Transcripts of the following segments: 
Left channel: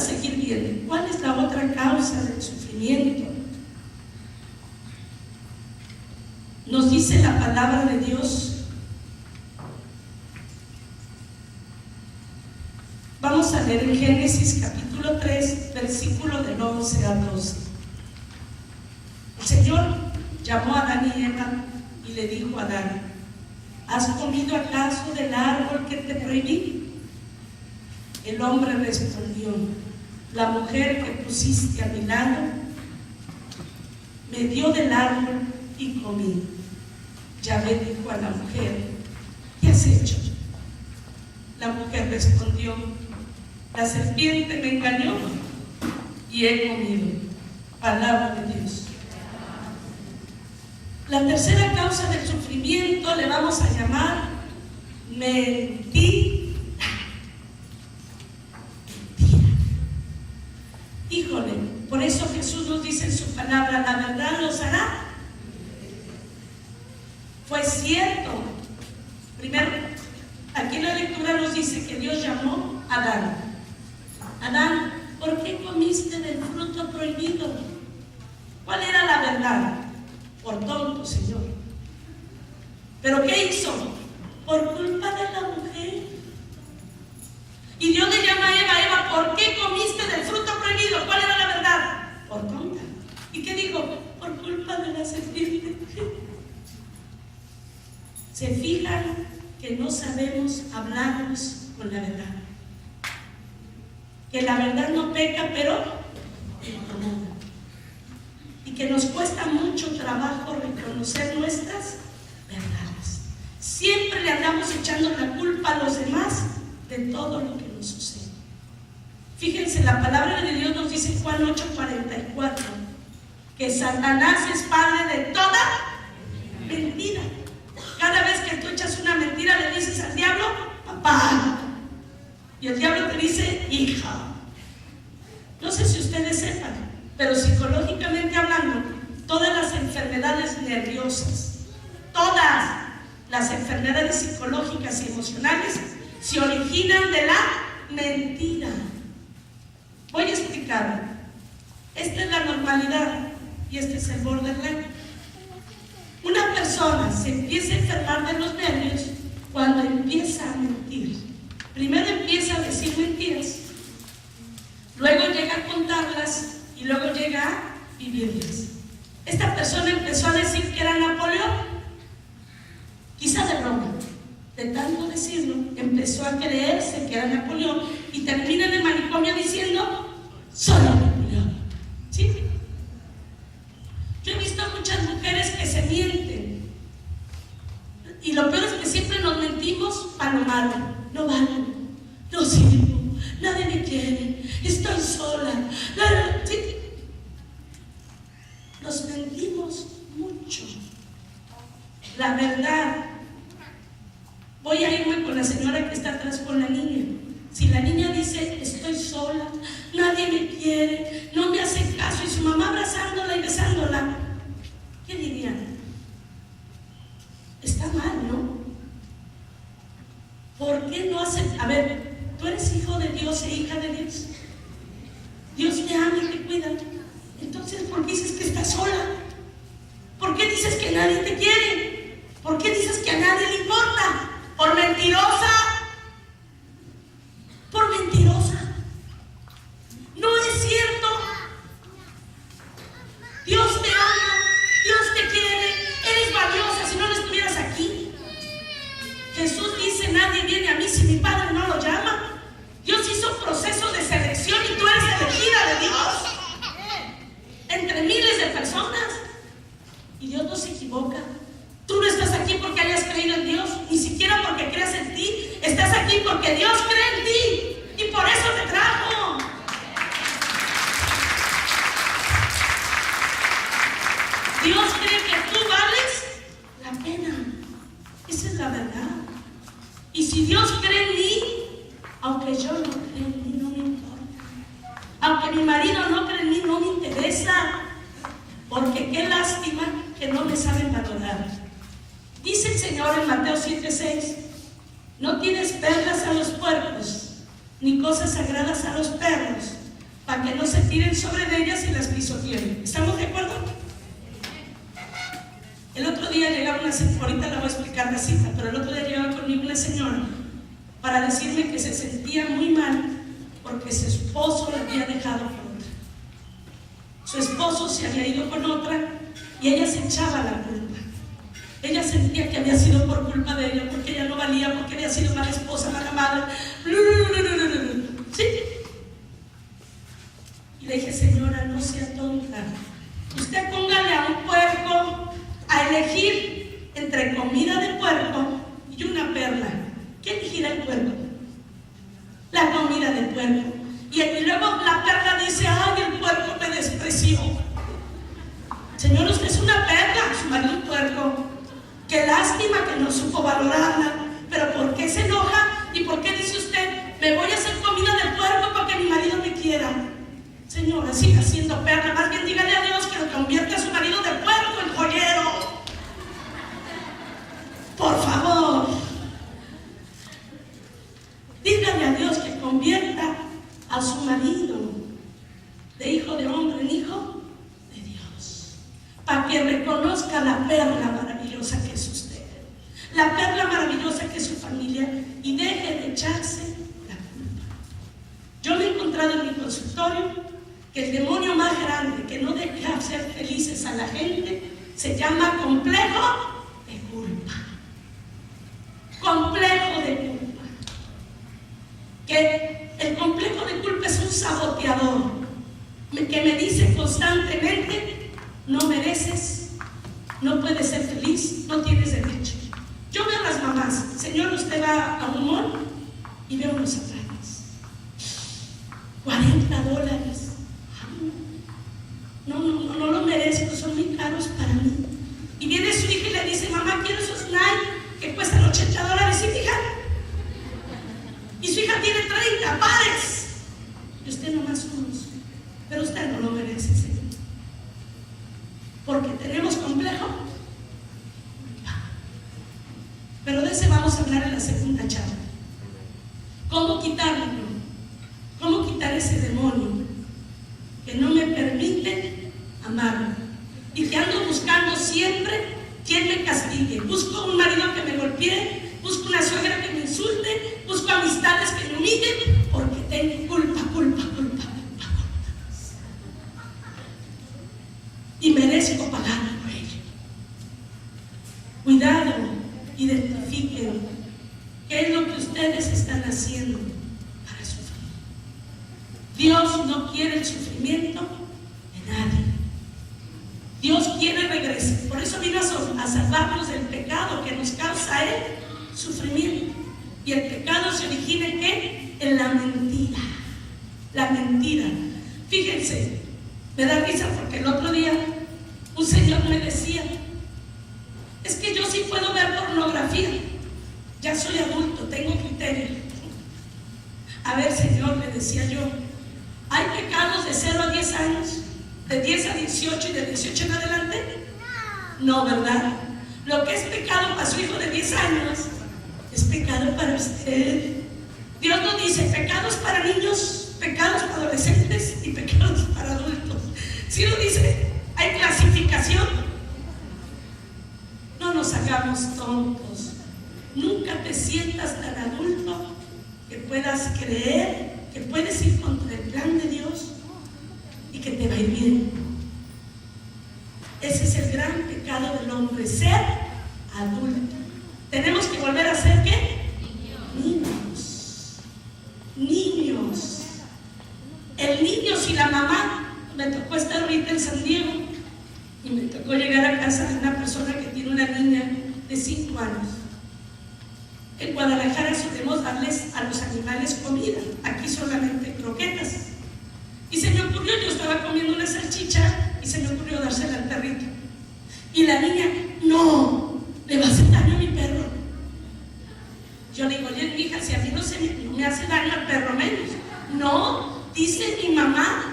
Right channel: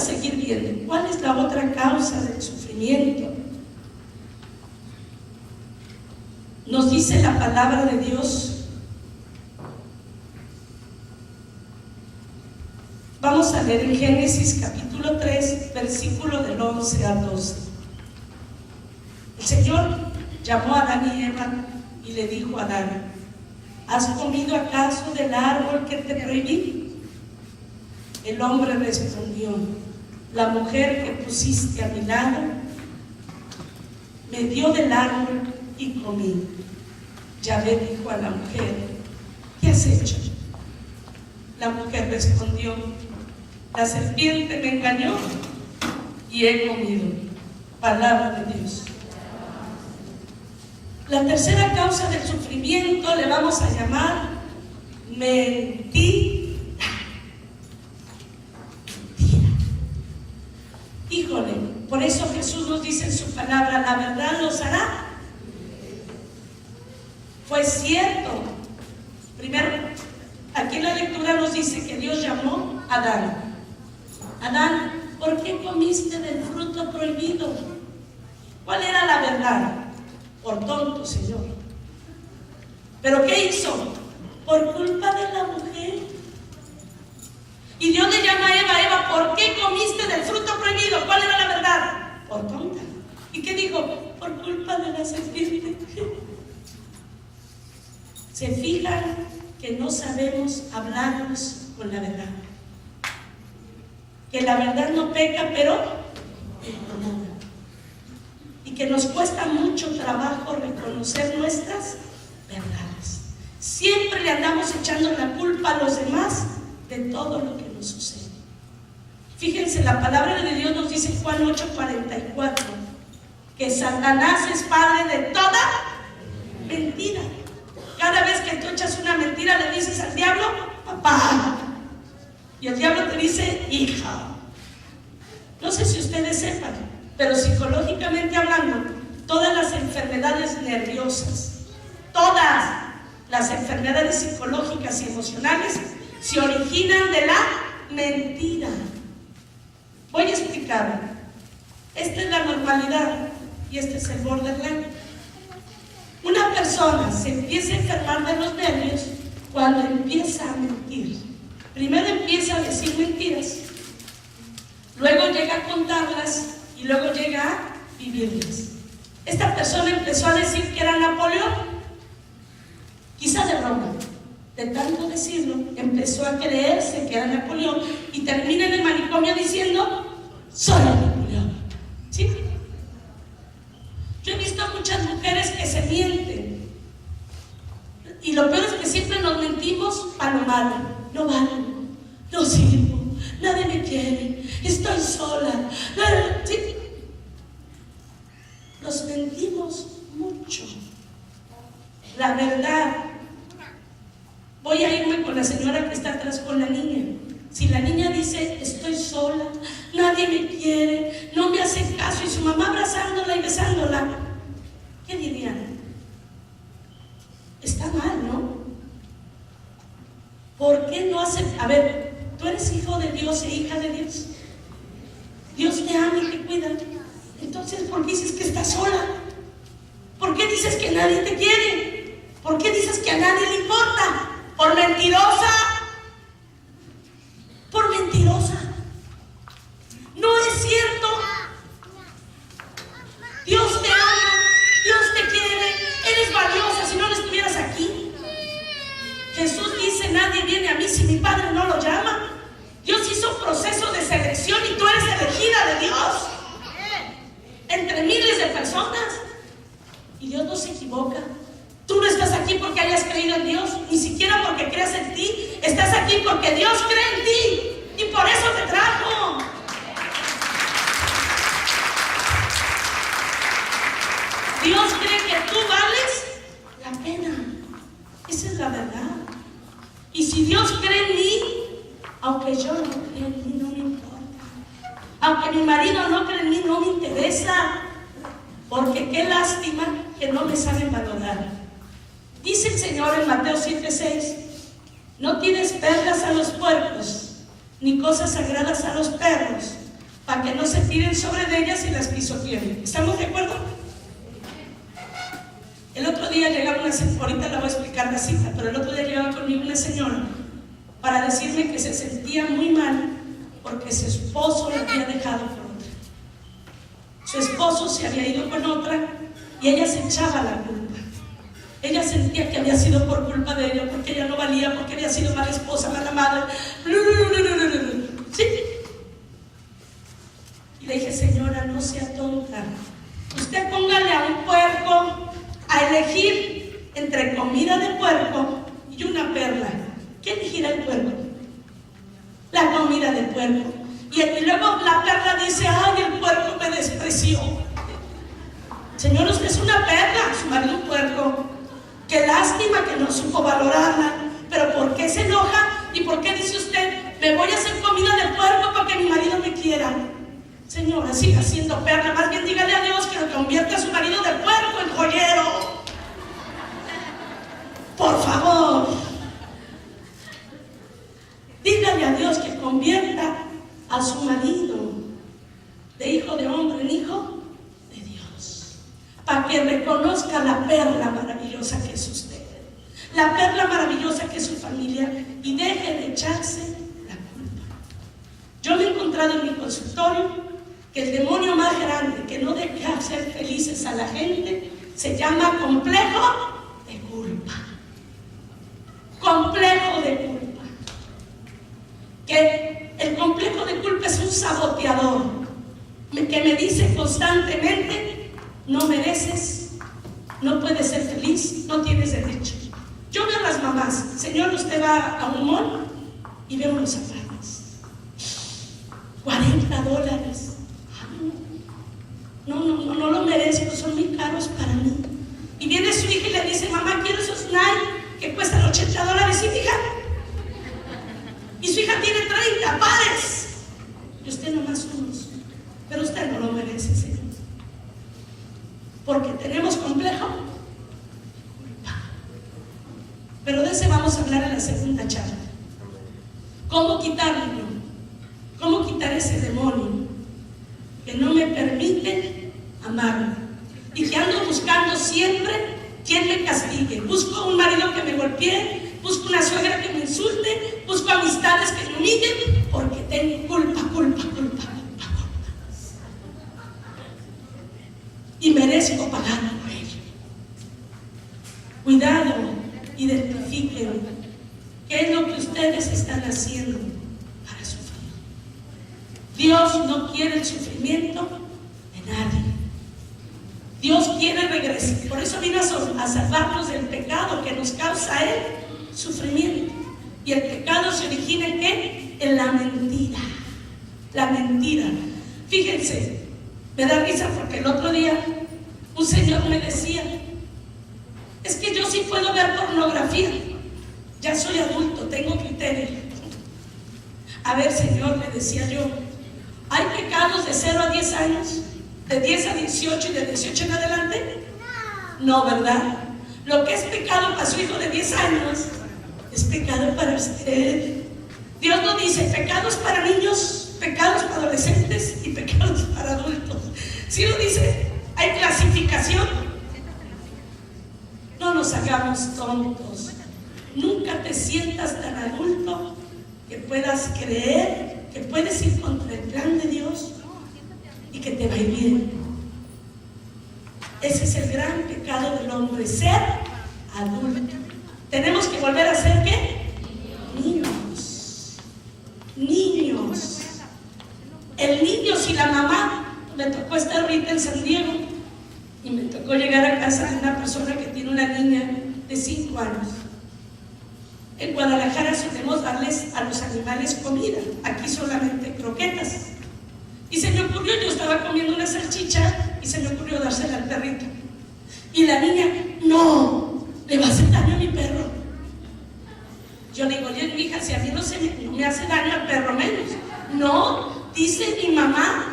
seguir viendo. ¿Cuál es la otra causa del sufrimiento? Nos dice la palabra de Dios. Vamos a leer en Génesis capítulo 3, versículo del 11 al 12. El Señor llamó a Adán y Eva y le dijo a Adán: ¿has comido acaso del árbol que te prohibí? El hombre respondió: la mujer que pusiste a mi lado me dio del árbol y comí. Yahvé dijo a la mujer: ¿qué has hecho? La mujer respondió: la serpiente me engañó y he comido. Palabra de Dios. La tercera causa del sufrimiento le vamos a llamar mentira. Híjole, por eso Jesús nos dice en su palabra: la verdad los hará. Fue cierto. Primero, aquí en la lectura nos dice que Dios llamó a Adán. Adán, ¿por qué comiste del fruto prohibido? ¿Cuál era la verdad? Por tonto, Señor. ¿Pero qué hizo? Por culpa de la mujer. Y Dios le llama a Eva: Eva, ¿por qué comiste del fruto prohibido? ¿Cuál era la verdad? Por tonta. ¿Y qué dijo? Por culpa de la serpiente. Se fijan que no sabemos hablarnos con la verdad. Que la verdad no peca, pero incomoda. Y que nos cuesta mucho trabajo reconocer nuestras verdades. Siempre le andamos echando la culpa a los demás de todo lo que nos sucede. Fíjense, la palabra de Dios nos dice en Juan 8:44 que Satanás es padre de toda mentira. Cada vez que tú echas una mentira le dices al diablo: papá. Y el diablo te dice: hija. No sé si ustedes sepan, pero psicológicamente hablando, todas las enfermedades nerviosas, todas las enfermedades psicológicas y emocionales se originan de la mentira. Voy a explicarlo. Esta es la normalidad y este es el borderline. Una persona se empieza a enfermar de los nervios cuando empieza a mentir. Primero empieza a decir mentiras, luego llega a contarlas y luego llega a vivirlas. Esta persona empezó a decir que era Napoleón, quizás de broma. De tanto decirlo, empezó a creerse que era Napoleón y termina en el manicomio diciendo: soy Napoleón. ¿Sí? Yo he visto muchas mujeres que se mienten. Y lo peor es que siempre nos mentimos a lo malo. No valgo, no sirvo, nadie me quiere, estoy sola. ¿Sí? Nos mentimos mucho. La verdad. Voy a irme con la señora que está atrás con la niña. Si la niña dice: estoy sola, nadie me quiere, no me hace caso, y su mamá abrazándola y besándola, ¿qué dirían? Está mal, ¿no? ¿Por qué no hace? A ver, tú eres hijo de Dios e hija de Dios. Dios te ama y te cuida. Entonces, ¿por qué dices que estás sola? ¿Por qué dices que nadie te quiere? ¿Por qué dices que a nadie le importa? Por mentirosa. Por mentirosa. No es cierto. Dios te ama, Dios te quiere, eres valiosa. Si no, no estuvieras aquí. Jesús dice: nadie viene a mí si mi Padre no lo llama. Dios hizo un proceso de selección y tú eres elegida de Dios entre miles de personas. Y Dios no se equivoca. Tú no estás aquí porque hayas creído en Dios, ni siquiera porque creas en ti. Estás aquí porque Dios cree en ti y por eso te trajo. Dios cree que tú vales la pena. Esa es la verdad. Y si Dios cree en mí, aunque yo no creo en mí, no me importa. Aunque mi marido no cree en mí, no me interesa. Porque qué lástima que no me saben valorar. Dice el Señor en Mateo 7:6: no tienes perlas a los puercos, ni cosas sagradas a los perros, para que no se tiren sobre de ellas y las pisoteen. ¿Estamos de acuerdo? El otro día llegaba una señora, ahorita le voy a explicar la cita, pero el otro día llegaba conmigo una señora para decirme que se sentía muy mal porque su esposo la había dejado con otra. Su esposo se había ido con otra y ella se echaba la culpa. Ella sentía que había sido por culpa de ella, porque ella no valía, porque había sido mala esposa, mala madre. ¿Sí? Y le dije, señora, no sea tonta. Usted póngale a un puerco a elegir entre comida de puerco y una perla. ¿Qué elegirá el puerco? La comida de puerco. Y luego la perla dice, ay, el puerco me despreció. Señor, usted es una perla, su marido un puerco. Qué lástima que no supo valorarla. Pero ¿por qué se enoja? ¿Y por qué dice usted, me voy a hacer comida de puerco para que mi marido me quiera? Señora, siga siendo perla. Más bien dígale a Dios que lo convierta a su marido de puerco en joyero. Por favor. Dígale a Dios que convierta a su marido de hijo de hombre en hijo de Dios, para que reconozca la perla maravillosa que es usted, la perla maravillosa que es su familia, y deje de echarse la culpa. Yo me he encontrado en mi consultorio que el demonio más grande que no deja hacer felices a la gente se llama complejo de culpa. Complejo de culpa. Que el complejo de culpa es un saboteador que me dice constantemente, no mereces, no puedes ser feliz, no tienes derecho. Yo veo a las mamás, señor, usted va a un mall y ve unos zapatos, $40. No lo merezco, son muy caros para mí. Y viene su hija y le dice, mamá, quiero esos Nike que cuestan $80. Y fija, y su hija tiene 30 pares y usted nomás unos, pero usted no lo merece, Señor, porque tenemos complejo de culpa. Pero de ese vamos a hablar en la segunda charla. ¿Cómo quitarlo? ¿Cómo quitar ese demonio que no me permite amarme y que ando buscando siempre quien me castigue? Busco un marido que me golpee, busco una suegra que me insulte, busco amistades que me humillen, porque tengo culpa. Y merezco pagar por ello. Cuidado, identifiquen qué es lo que ustedes están haciendo para sufrir. Dios no quiere el sufrimiento de nadie. Dios quiere regresar. Por eso vino a salvarnos del pecado que nos causa Él sufrimiento. Y el pecado se origina ¿en qué? En la mentira. La mentira. Fíjense, me da risa porque el otro día un señor me decía, es que yo sí puedo ver pornografía, ya soy adulto, tengo criterio. A ver, señor, le decía yo, ¿hay pecados de 0 a 10 años? ¿De 10 a 18 y de 18 en adelante? No, ¿verdad? Lo que es pecado para su hijo de 10 años es pecado para usted. Dios no dice pecados para niños, pecados para adolescentes y pecados para adultos. Si no dice, hay clasificación. No nos hagamos tontos. Nunca te sientas tan adulto que puedas creer que puedes ir contra el plan de Dios y que te va a ir bien. Ese es el gran pecado del hombre, ser adulto. Tenemos que volver a ser ¿qué? Niños. El niño, si la mamá, me tocó estar ahorita en San Diego y me tocó llegar a casa de una persona que tiene una niña de 5 años. En Guadalajara solemos darles a los animales comida, aquí solamente croquetas. Y se me ocurrió, yo estaba comiendo una salchicha y se me ocurrió dársela al perrito. Y la niña, no, le va a hacer daño a mi perro. Yo le digo, oye, mi hija, si a mí no me hace daño al perro menos. No, dice mi mamá,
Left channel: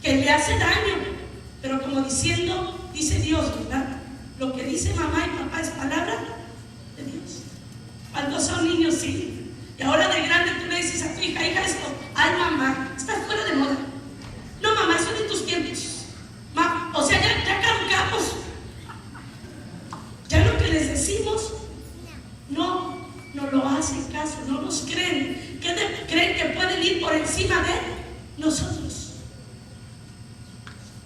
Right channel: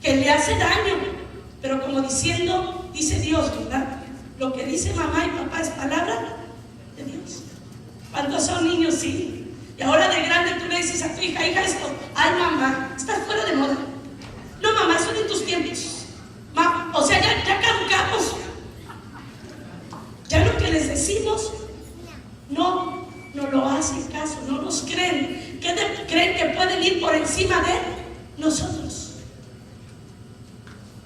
que le hace daño. Pero como diciendo, dice Dios, ¿verdad? Lo que dice mamá y papá es palabra de Dios. Cuando son niños, sí. Y ahora de grande tú le dices a tu hija, esto, Ay, mamá, estás fuera de moda. No, mamá, son en tus tiempos. O sea, ya caducamos. Ya lo que les decimos, no lo hacen caso, no nos creen. Creen que pueden ir por encima de nosotros.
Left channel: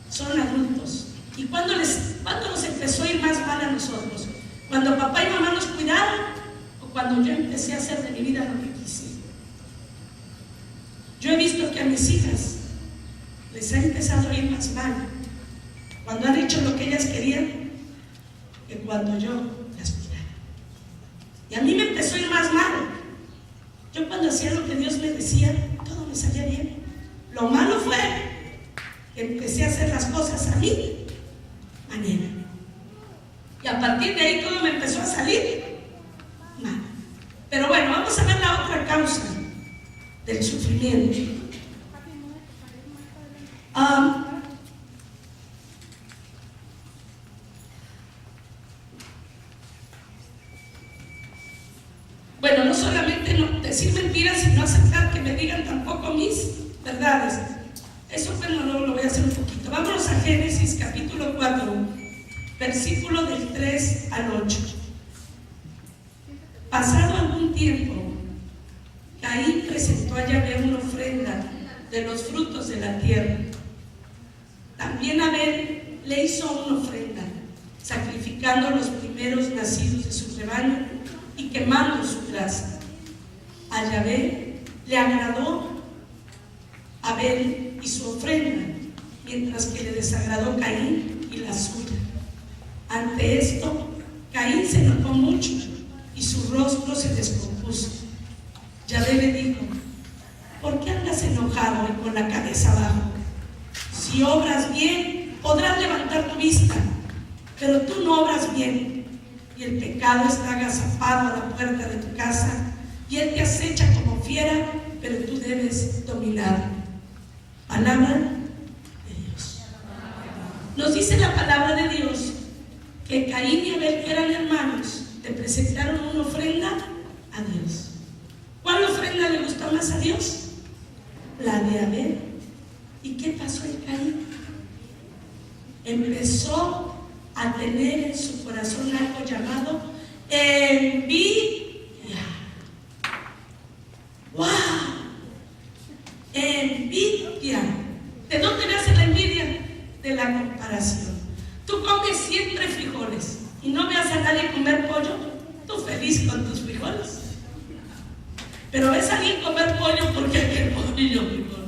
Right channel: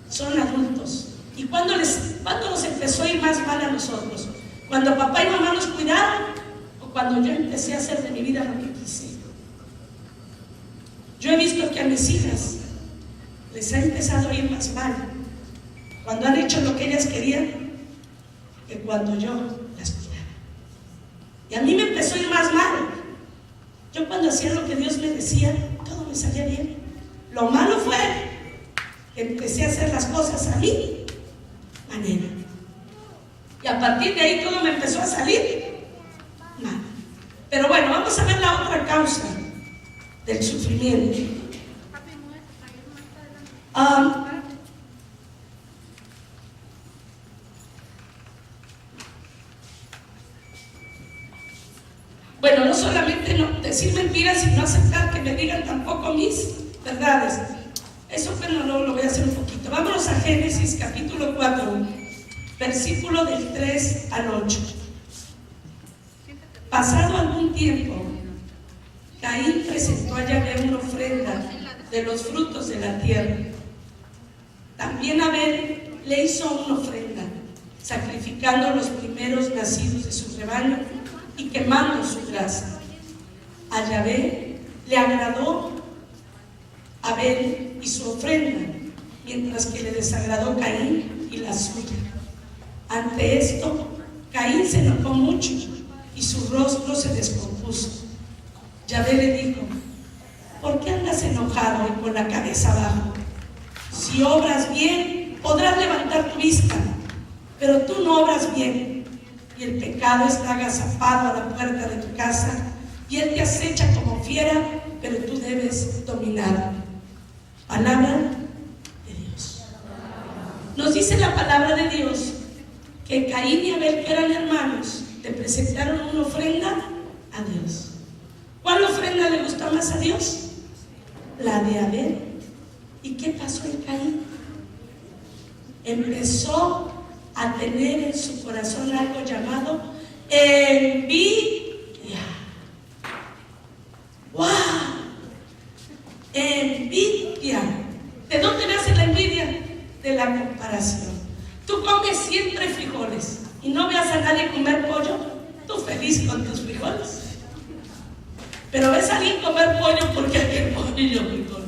Son adultos. ¿Y cuándo nos empezó a ir más mal a nosotros? ¿Cuando papá y mamá nos cuidaron? ¿O cuando yo empecé a hacer de mi vida lo que quise? Yo he visto que a mis hijas les ha empezado a ir más mal cuando han hecho lo que ellas querían que cuando yo las cuidaba. Y a mí me empezó a ir más mal. Yo cuando hacía lo que Dios me decía, todo me salía bien. Lo malo fue que empecé a hacer las cosas a mi manera. Y a partir de ahí todo me empezó a salir mal. Pero bueno, vamos a ver la otra causa del sufrimiento. Bueno, no solamente decir mentiras, sino aceptar que me digan tampoco mis verdades. Eso bueno, lo voy a hacer un poquito. Vámonos a Génesis capítulo 4, versículo del 3 al 8. Pasado algún tiempo, Caín presentó a Yahvé una ofrenda de los frutos de la tierra. También Abel le hizo una ofrenda, sacrificando los primeros nacidos de su rebaño y quemando su grasa. A Yahvé le agradó Abel y su ofrenda, mientras que le desagradó Caín y la suya. Ante esto, Caín se enojó mucho y su rostro se descompuso. Yahvé le dijo: ¿por qué andas enojado y con la cabeza abajo? Si obras bien, podrás levantar tu vista, pero tú no obras bien, y el pecado está agazapado a la puerta de tu casa, y él te acecha como fiera, pero tú debes dominarlo. Palabra de Dios. Nos dice la palabra de Dios que Caín y Abel, que eran hermanos, le presentaron una ofrenda a Dios. ¿Cuál ofrenda le gustó más a Dios? La de Abel. ¿Y qué pasó en Caín? Empezó a tener en su corazón algo llamado envidia. ¡Wow! Envidia. ¿De dónde nace la envidia? De la comparación. Tú comes siempre frijoles y no veas a nadie comer pollo, tú feliz con tus frijoles. Pero ves a alguien comer pollo porque aquel pollo frijol.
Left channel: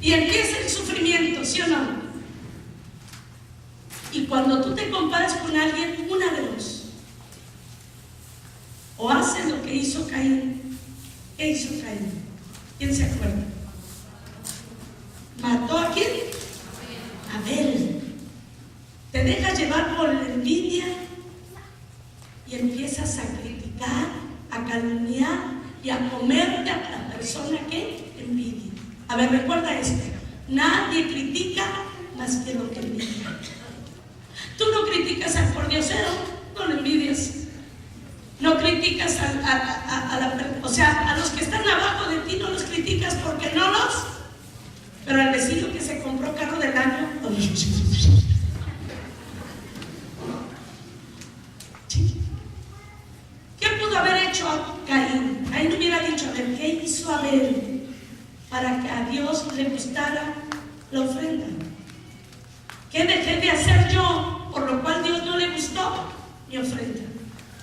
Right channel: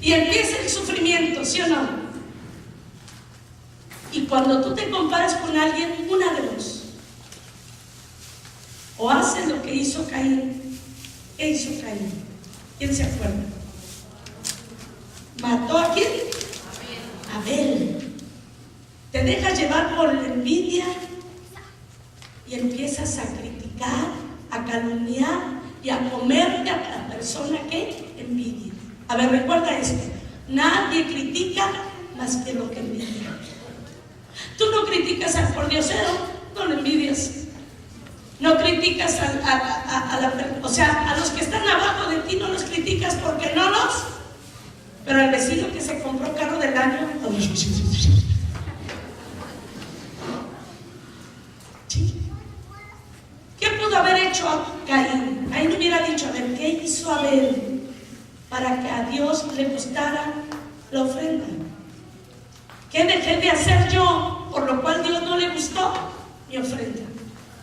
Y empieza el sufrimiento, ¿sí o no? Y cuando tú te comparas con alguien, una de dos: o haces lo que hizo Caín. ¿Qué hizo Caín? ¿Quién se acuerda? ¿Mató a quién? Abel. Te dejas llevar por la envidia y empiezas a criticar, a calumniar y a comerte a la persona que envidia. A ver, recuerda esto: nadie critica más que lo que envidia. Tú no criticas al pordiosero, no lo envidias. No criticas a los que están abajo de ti, no los criticas porque no los. Pero el vecino que se compró carro del año, ¿qué pudo haber hecho Caín? Caín hubiera dicho: a ver, ¿qué hizo Abel para que a Dios le gustara la ofrenda? ¿Qué dejé de hacer yo, por lo cual Dios no le gustó mi ofrenda?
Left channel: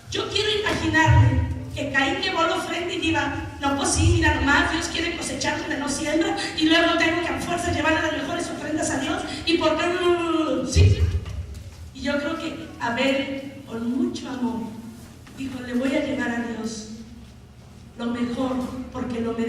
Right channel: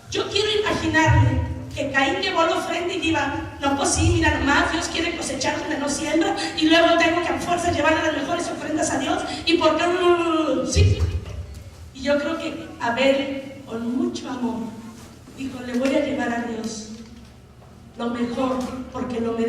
Yo quiero imaginarme que Caín llevó la ofrenda y diga: no, pues sí, mira nomás, Dios quiere cosechar donde no siembra, y luego tengo que a fuerza llevarle las mejores ofrendas a Dios, y por qué sí. Y yo creo que Abel, con mucho amor, dijo: le voy a llevar a Dios lo mejor, porque lo merece.